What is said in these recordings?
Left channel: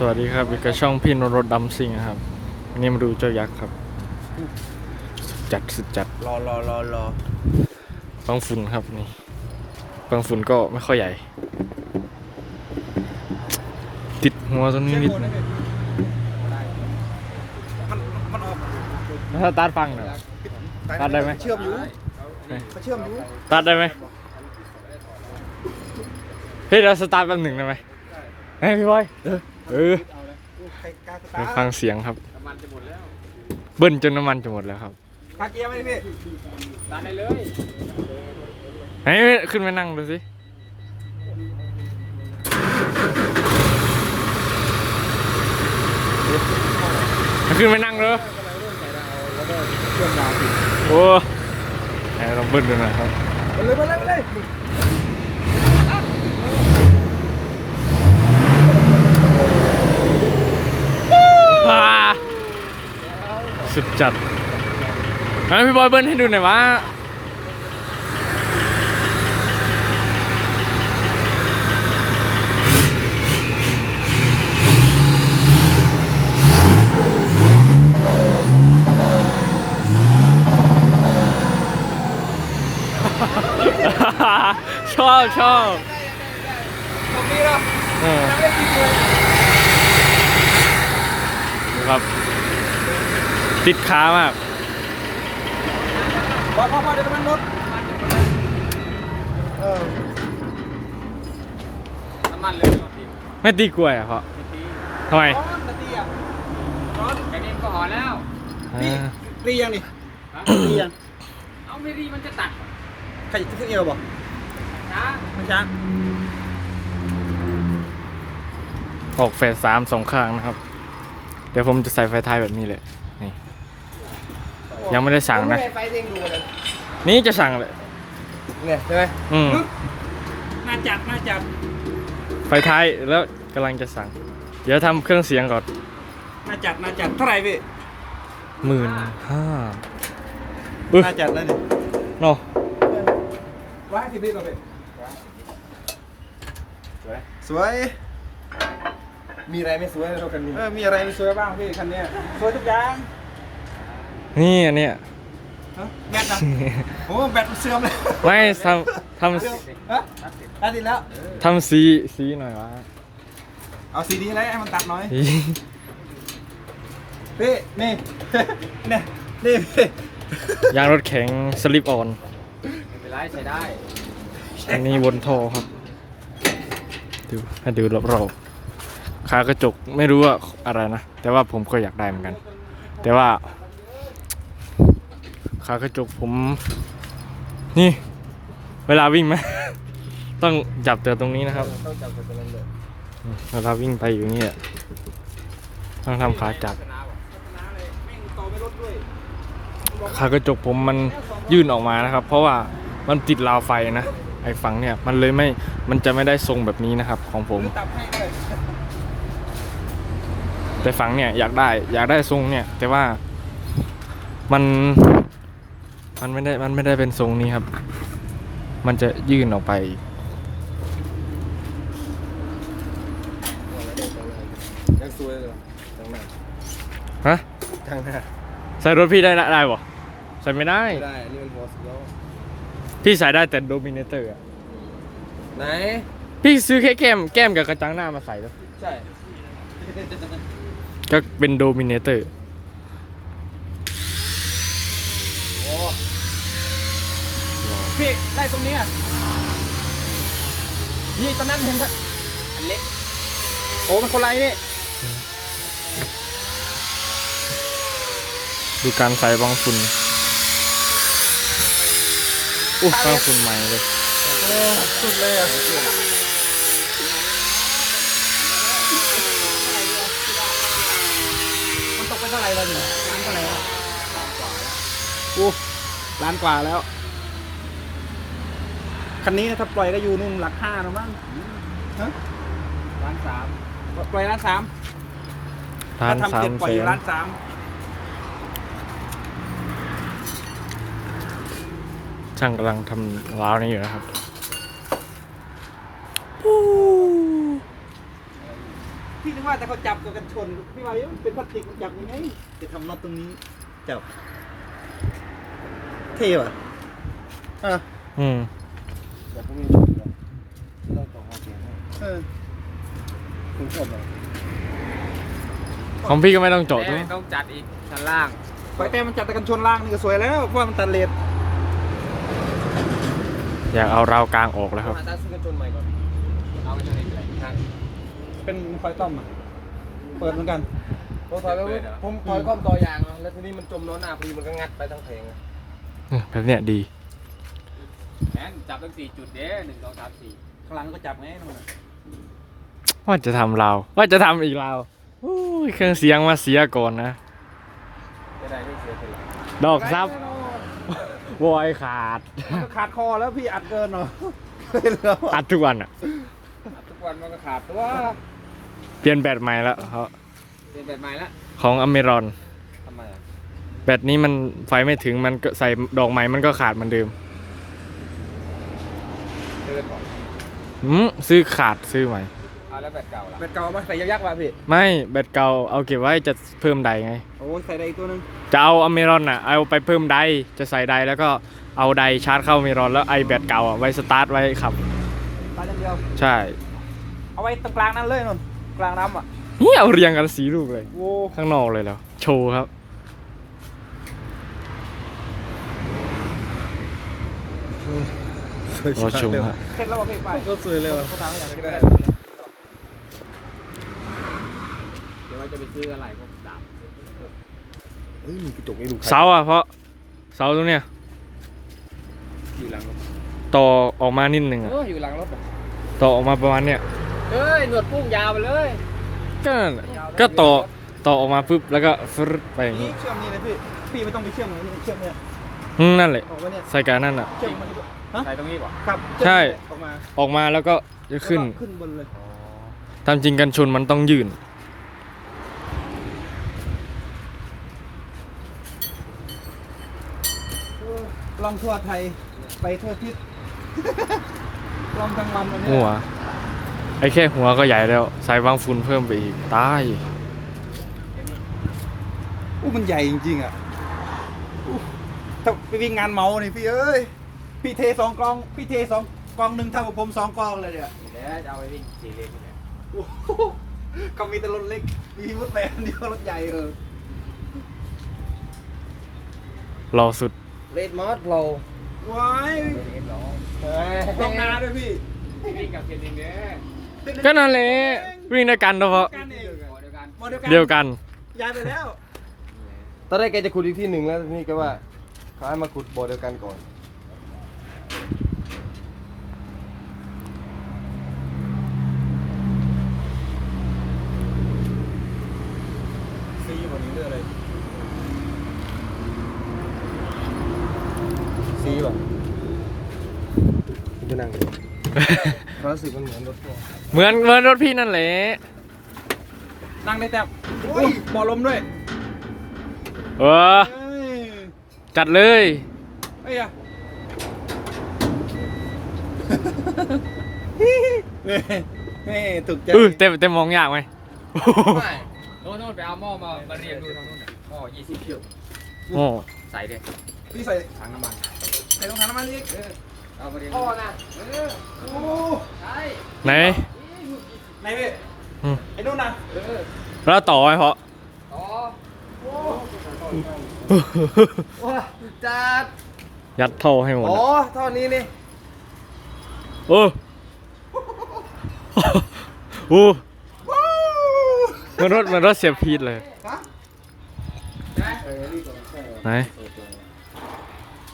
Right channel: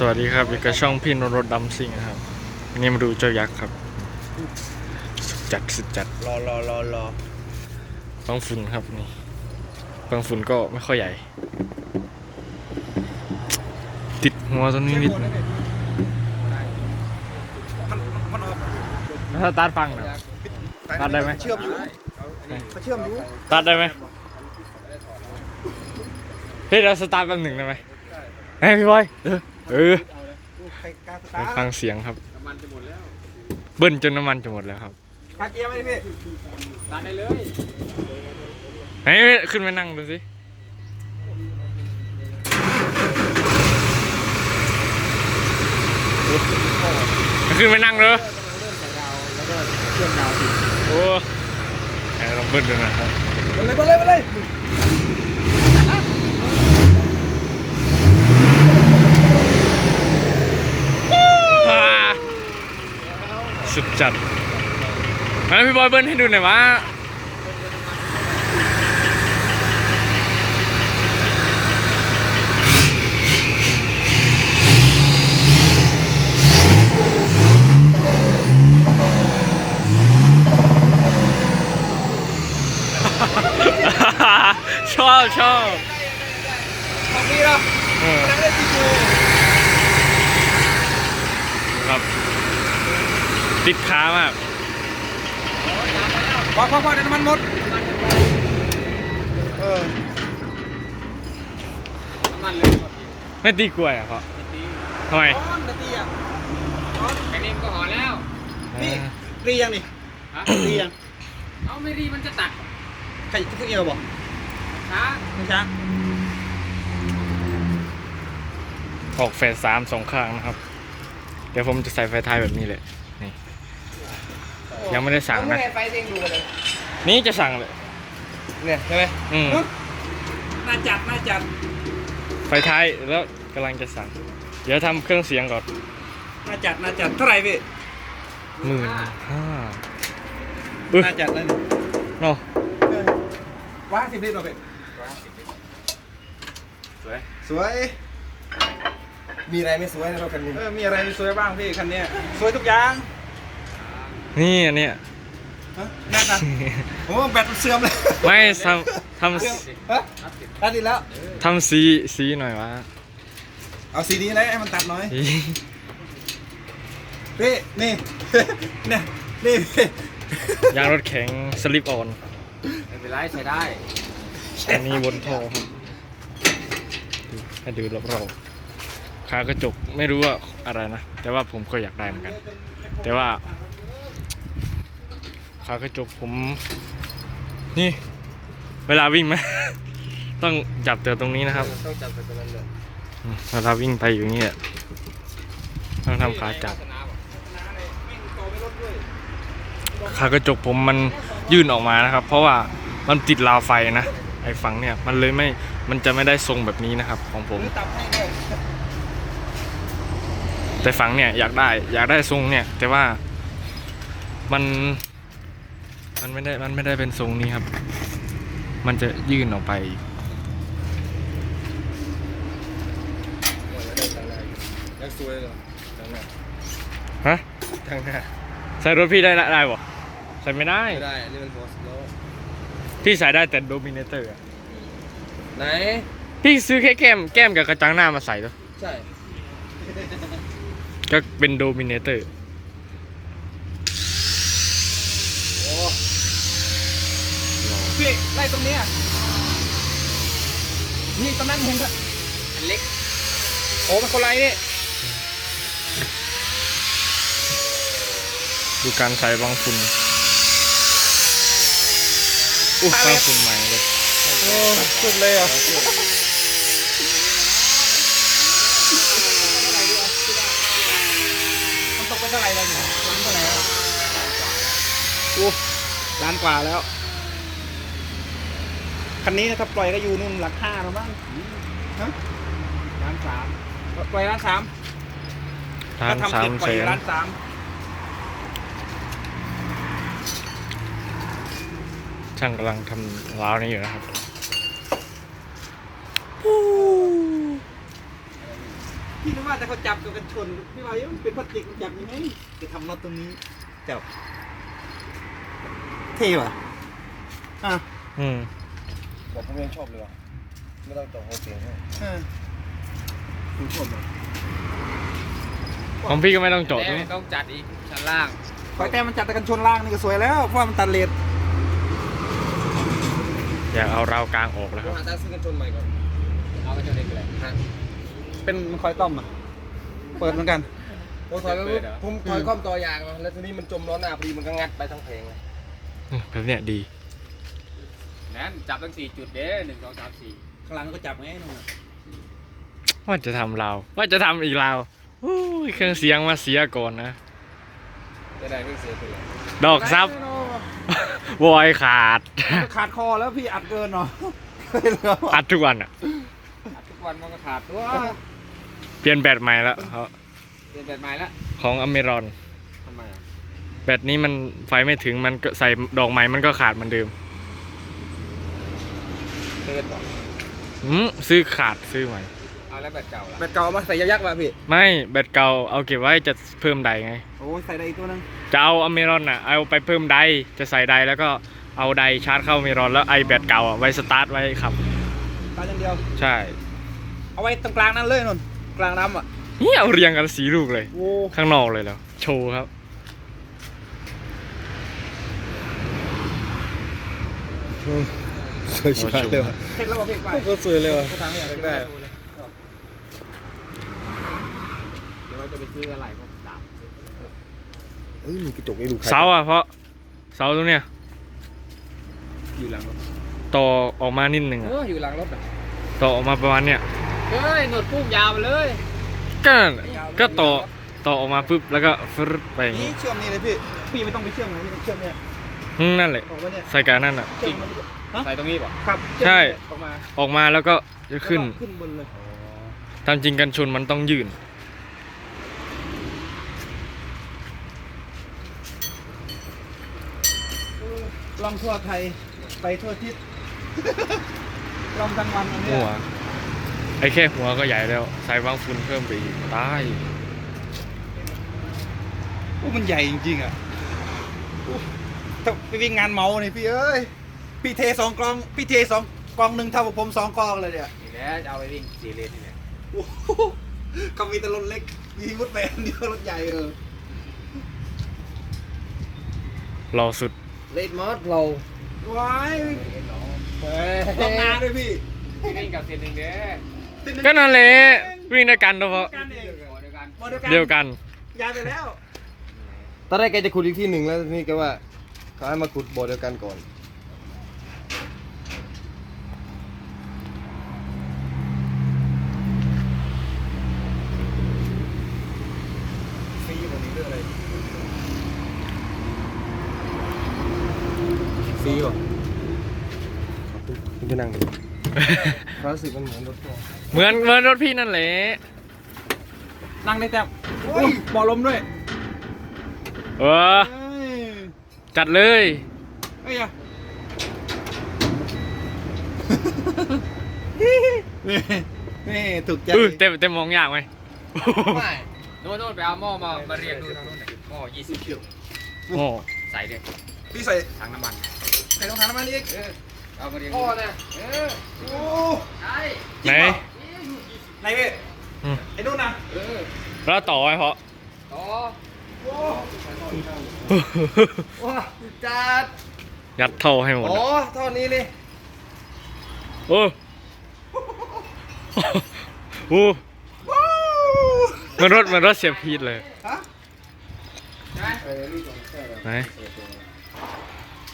สวัสดีครับอยู่กับช่องพี่นรถดำซิงครับวันนี้มาดูเจ้ายักษ์ครับ สุดจัดสุดจัดรอรอรอรอปังฝุ่นครับนี่ปังฝุ่นก็ไม่ค่อยใหญ่ ติดหัวตัวนี้นิดนึงมันออกแล้วถ้าตัดฟังเหรอตัดได้ไหมเชื่อมอยู่เขาเชื่อมอยู่ตัดได้ไหมเฮ้ยเราสตาร์ทแป๊บหนึ่งได้ไหมเฮ้ยพี่บอยเออ เออใครกล้าสไปตาร์ทฟังเสียงครับ เบิ้ลจนน้ำมันจะหมดแล้วครับคาเกียร์ไหมพี่ไหนขึ้นมานั่งดูสิขึ้นมานั่งเลยเชื่อมยาวสิโอ้ไหนลองเบิ้ลดูหน่อยครับมาเลยมาเลยมาเลย อ่า สุดจัดมาพี่บอยเบิ้ลให้ดูหน่อยวะชอบชอบเอออครับ ติดขามากบอกพ่อพ่อเดี๋ยวน้ำมันหมดเออไม่ตีกล้วยอะเขาทำไมร้อนนาทีอะร้อนแค่นี้มันก็หอแล้วนี่อ่ารียังนี่ฮะรียังเอาไม่ดีมันจะตักใครที่เอวบอกช้าไม่ช้าออกเฟสสามสองข้างนะครับ เดี๋ยวผมจะใส่ไฟท้ายแบบนี้เลยนี่ ยังไม่ได้สั่งนะ ไฟเด้งดูเลยนี่จะสั่งเลยเนี่ยใช่ไหมอืมน่าจัดน่าจัดไฟท้ายแล้วกำลังจะสั่ง เดี๋ยวทำเครื่องเสียงก่อนน่าจัดน่าจัดเท่าไหร่พี่หมื่นห้าปึ๊บน่าจัดเลยนี่เนาะร้านสิบลิตรเหรอพี่สวยสวย มีอะไรไม่สวยในรถคันนี้ เออมีอะไรไม่สวยบ้างพี่คันเนี้ยสวยทุกอย่าง นี่อันเนี้ยฮะแน่นะโอ้แบตมันเสื่อมเลยไม่ทำทเสื่อมฮะตัดดีแล้วำทำสีสีหน่อยวะเอาสีนี้เลยให้มันตัดหน่อยอีพี่นี่ เนี่ยนี่พี่ยางรถแข็งสลิปออน ไม่เป็นไรใช้ได้อันนี้บนท่อครับดูให้ดูรอบๆขากระจกไม่รู้ว่าอะไรนะ แต่ว่าผมก็อยากได้เหมือนกัน แต่ว่า ขากระจกผม นี่ เวลาวิ่งไหม ต้องจับแต่ตรงนี้นะครับอืมเวลาวิ่งไปอยู่นี่อะต้องทำขาจับ ขากระจกผมมันยื่นออกมานะครับ เพราะว่ามันติดราวไฟนะไอ้ฝั่งเนี่ยมันเลยไม่มันจะไม่ได้ทรงแบบนี้นะครับ ของผม แต่ฝั่งเนี่ยอยากได้อยากได้ทรงเนี่ย แต่ว่ามัน มันไม่ได้มันไม่ได้เป็นทรงนี้ครับ มันจะยื่นออกไป ยังสวยเลยทางหน้าฮะ ทางหน้าใส่รถพี่ได้ได้ปะใส่ไม่ได้ ไม่ได้อันนี่มันหัวสิบล้อพี่ใส่ได้แต่โดมิเนเตอร์ไหน พี่ซื้อแค่แก้มแก้มกับกระจังหน้ามาใส่ตัวใช่ ก็เป็นโดมิเนเตอร์ โอ้ พี่ไล่ตรงเนี้ยนี่ตอนนั้นเห็นปะเล็กโอ้มันคนไรนี่ดูการใส่บางฝุ่นอู้บางฝุ่นใหม่เลยโอ้สุดเลยอะมันตกก็เท่าไหร่เลยเนี่ยล้านเท่าไหร่แล้วโอ้ล้านกว่าแล้ว คันนี้ถ้าปล่อยก็อยู่นู่นหลักห้าแล้วมั้งฮะร้านสามปล่อยล้านสามล้านถ้ทำสาเร็มจปแสล่อยนล้านสามช่างกำลังทำร้าวนี้อยู่นะครับพี่นึกว่าแต่เขาจับกับกันชนพี่ว่าเอ๊ะมันเป็นพลาสติกมันจับยังไงจะทำน็อตตรงนี้จับเท่ว่ะอะอืม บอกผมไม่ชอบเลยไม่ต้องต่อหัวเสียงให้เออผมชอบเลยของพี่ก็ไม่ต้องเจาะแต่ด้วยไม่ต้องจัดอีกชั้นล่างไฟแต่มันจับแต่กันชนล่างนี่ก็สวยแล้วเพราะว่ามันตัดเลนอยากเอาราวกลางออกแล้วครับหาตาซื้อกันชนใหม่ก่อนเอาไปทำเองเลยฮะเป็นมันคอยต้อมอะเปิดเหมือนกันผมถอยไปปุ๊บผมถอยก้อมต่อยางเนาะแล้วทีนี้มันจมล้อหน้าพอดีมันก็งัดไปทั้งเพลงแบบเนี้ยดี แทนจับตั้งสี่จุดเด้หนึ่งสองสามสี่ข้างหลังก็จับไงนู่นว่าจะทำราวว่าจะทำอีกราวโอ้ยเครื่องเสียงมาเสียก่อนนะ จะได้ไม่เสียเท่าไหร่ดอกซับวอยขาด ขาดคอแล้วพี่อัดเกินเนาะอัดทุกวันอะทุกวันมันก็ขาดตัวเปลี่ยนแบตใหม่แล้วเขาเปลี่ยนแบบใหม่ละของอเมรอน ทำไมอะแบตนี้มันไฟไม่ถึงมันก็ใส่ดอกไม้มันก็ขาดเหมือนเดิม เดินต่ออืมซื้อขาดซื้อใหม่ เอาแล้วแบบเก่าละแบตเก่ามาใส่ยักษ์ๆว่ะพี่ไม่แบตเก่าเอาเก็บไว้จะเพิ่มไดไง โอ้ยใส่ได้อีกตัวหนึงจะเอาอเมรอนอะเอาไปเพิ่มไดจะใส่ไดแล้วก็เอาไดชาร์จเข้าอเมรอนแล้วไอแบตเก่าอะไว้สตาร์ทไว้ขับ ตาอย่างเดียว ใช่เอาไว้ตรงกลางนั้นเลยนนกลางน้ำอะนี่เอาเรียงกันสีลูกเลย โอ้ข้างนอกเลยแล้วโชว์ครับ สวยรอชมครับเสร็จแล้วว่ะพี่ไปโคตรสวยเลยว่ะเขาทำให้อย่างนี้ได้ได้เดี๋ยวเราจะไปซื้ออะไรพวกสามเฮ้ยมีกระจกให้ดูเสาอะเพราะเสาตรงเนี้ยอยู่หลังต่อออกมานิดหนึ่งอะเอออยู่หลังรถอะต่อออกมาประมาณเนี้ยเฮ้ยหนวดปุ้งยาวไปเลยก็นั่นแหละก็ต่อต่อออกมาปุ๊บแล้วก็ฟรึดไปอย่างนี่นี้เชื่อมนี่เลยพี่พี่ไม่ต้องไปเชื่อมไหนนี่เชื่อมเนี่ยอืมนั่นแหละออกมาเนี่ยใส่การนั่นอะเชื่อมมันฮะ ใส่ตรงนี้ป่ะครับใช่ ออกมาออกมาแล้วก็จะขึ้นแล้วก็ขึ้นบนเลยตามจริงกันชนมันต้องยืน ลองทั่วไทยไปทั่วทิศ ลองทั้งวันอันเนี้ยหัว ไอ้แค่หัวก็ใหญ่แล้ว ใส่บางฝุ่นเพิ่มไปอีกตาย อู้มันใหญ่จริงๆอะอู้ถ้าไปวิ่งงานเมาเนี่ยพี่เอ้ย พี่เทสองกลองพี่เทสองกลองหนึ่งเท่ากับผมสองกลองเลยเนี่ยนี่แหละจะเอาไปวิ่งสี่เลนนี่แหละโอ้โหเขามีแต่รถเล็ก มีรถแต่อันเดียวรถใหญ่เออรอสุด เลดมอสเราว้ายกลองนาด้วยพี่พี่วิ่งกับเซนหนึ่งเด้อก็นั่นแหละวิ่งด้วยกันเฉพาะกันเองหัวเดียวกันโมเดียวกันเดียวกันย้ายไปแล้ว ตอนแรกแกจะขุดอีกที่หนึ่งแล้วทีนี่ก็ว่าเขาให้มาขุดบ่อเดียวกันก่อน ฟรีกว่านี้เรื่องอะไร ฟรีหรอที่ไปนั่งดู ความรู้สึกมันเหมือนรถพ่วงเหมือนเหมือนรถพี่นั่นแหละ นั่งได้แต่โอ้ยบ่อลมด้วยเออ เอ้ยจัดเลย เอ้ยอะนี่นี่ถูกใจเออเต็มเต็มมองยากไหมโอ้โหไม่โน่นโน่นไปเอาหม้อมามาเรียงดูทางโน้นน่ะหม้อยี่สิบคิวโอ้ใส่เด็กพี่ใส่ถังน้ำมันใส่รองเท้าน้ำมันอีกเออ เอามาเรียงพ่อดูน่ะเออโอ้ใช่ไหนไหนเว้ยอืมไอ้นู่นน่ะเออแล้วต่อไว้เพราะต่อว้าจัดยัดท่อให้หมดอ๋ออะเท่านี้นี่โอ้โอ้เหมันรถเหมันรถเสียบพีดเลยฮะใช่ไหมเออนี่ก่อนใช่เหรอไหน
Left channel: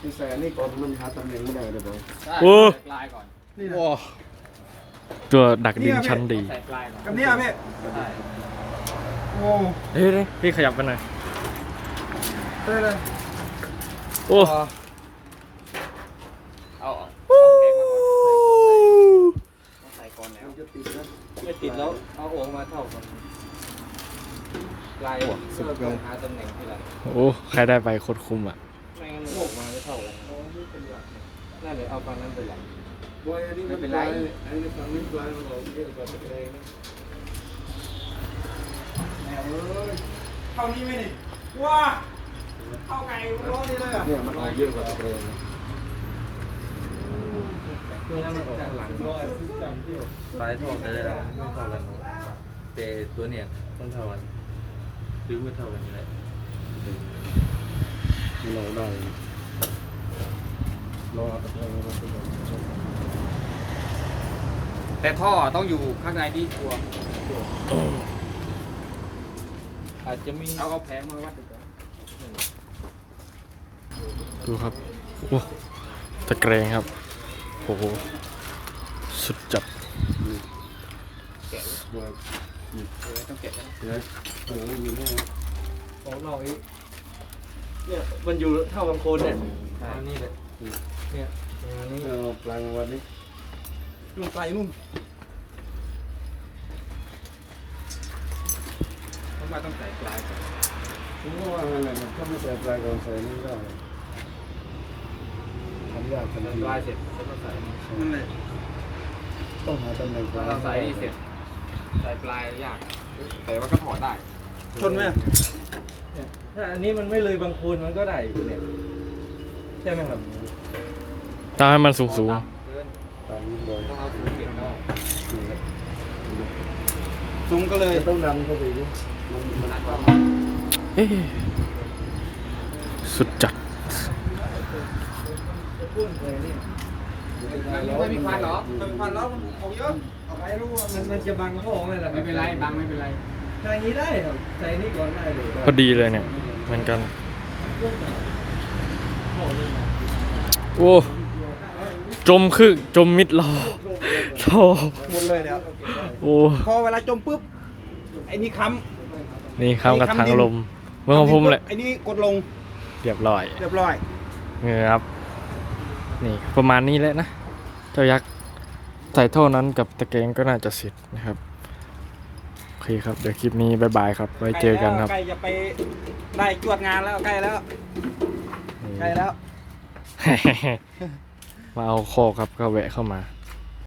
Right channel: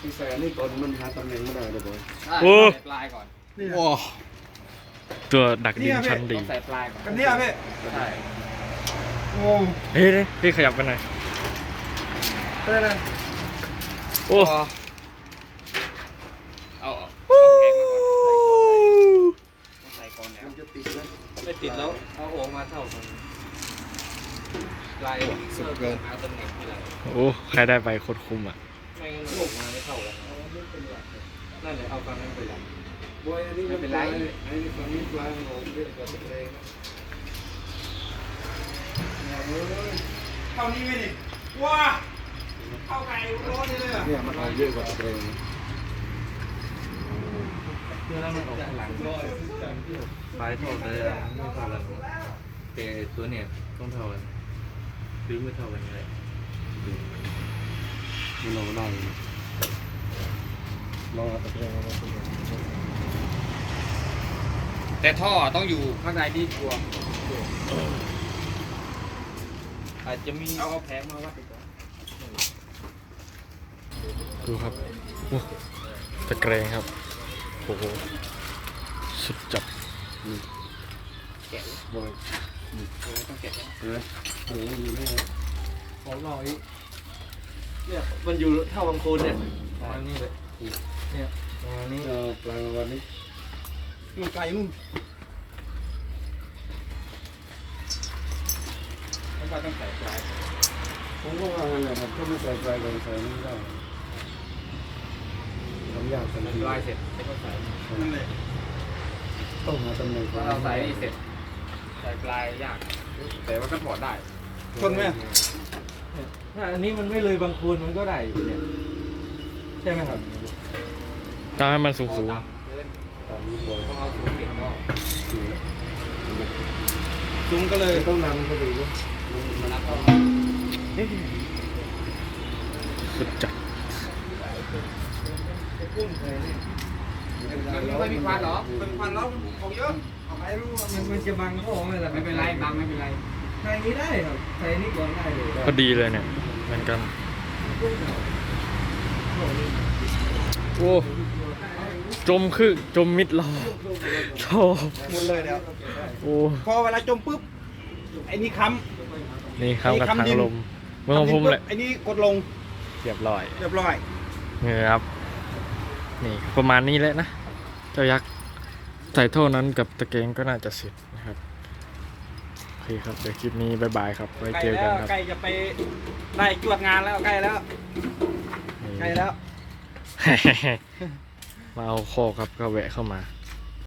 นี่ใส่อันนี้ก่อนมันหาตำแหน่งไม่ได้เลยบอยใช่โอ้ใส่ปลายก่อนนี่ว้าตัวดักดินชั้นดี ต้องใส่ปลายก่อนกันเนี้ยพี่ใช่โอ้เฮ้ยนี่พี่ขยับไปหน่อย ได้เลยโอ้ เอาเอาเอาแกงมาก่อนใส่ก่อนแล้วจะติดนะไม่ติดแล้วเอาโอ่งมาเท่ากันลายสุดเกินหาตำแหน่งที่ไรโอ้ ใครได้ไปโคตรคุ้มอะ ไม่งั้นมันโอ่งมาไม่เท่ากันนั่นเลยเอาฟันนั้นไปหลังบอยอันนี้มันปลายอันนี้ฝั่งนี้ปลายมันออกเยอะกว่าตะแกรงนะเท่านี้ไหมนี่ว้าเท่าไก่ร้อนนี่เลยอะเนี่ยมันออกเยอะกว่าตะเกรงเพื่อให้มันออกข้างหลังปลายท่อแต่ไม่เท่ากันแต่ตัวเนี่ยต้องเท่ากันฟิวไม่เท่ากันเลย มันออกได้ลองเอาตะเกรงมาเป็นแต่ท่อต้องอยู่ข้างในที่ตัวอาจจะมีเอาเอาแผงมาวัดดีกว่าดูครับโอ้ตะแกรงครับโอ้โหสุดจัดบอกต้องเก็บเห็นไหมเอออยู่นี่ของเราอีก เนี่ยมันอยู่เท่าบางโคนเนี่ยอันนี้เลยเนี่ยอันนี้เอาปลางวันนี้นู่นไก่นู่นทำไมต้องใส่ปลายผมก็ว่าอะไรมันก็ไม่ใส่ปลายก่อนใส่นี่ก็ทำยากทันมันทีลายเสร็จแล้วก็ใส่นั่นเลยต้องหาตำแหน่งถ้าเราใส่นี่เสร็จ ใส่ปลายยาก แต่ว่าก็ถอดได้ ชนไหม ถ้าอันนี้มันไม่เลยบางโคนมันก็ได้อยู่เนี่ยใช่ไหมครับต้องให้มันสูงสูงต่ำเกินตามนี้บ่อยต้องเอาสูงเก็บหม้อจุงก็เลยต้องดันเข้าไปด้วยๆเอ๊ะสุดจัดมันไม่มีควันเหรอเป็นพันแล้วของเยอะเอาไปรู้ว่ามันมันจะบังห้องเลยแต่ไม่เป็นไรบังไม่เป็นไร ใส่นี้ได้ครับใส่นี้ก่อนได้เลยพอดีเลยเนี่ยเหมือนกันโอ้จมคือจมมิดรอโธ่หมดเลยเนี่ยโอ้พอเวลาจมปุ๊บไอ้นี่ค้นี่เข้ากับทางลมำเมื่อของผมแหละไอ้นี่กดลงเรียบร้อยเรียบร้อยนี่ครับนี่ประมาณนี้แหละนะเจ้ายักษ์ใส่เท่านั้นกับตะแกรงก็น่าจะเสร็จนะครับโอ เคครับ เดี๋ยวคลิปนี้บายบายครับ ไว้เจอกันครับ ใกล้จะไปได้จวดงานแล้วใกล้แล้วใกล้แล้ว มาเอาโคอกครับก็แวะเข้ามา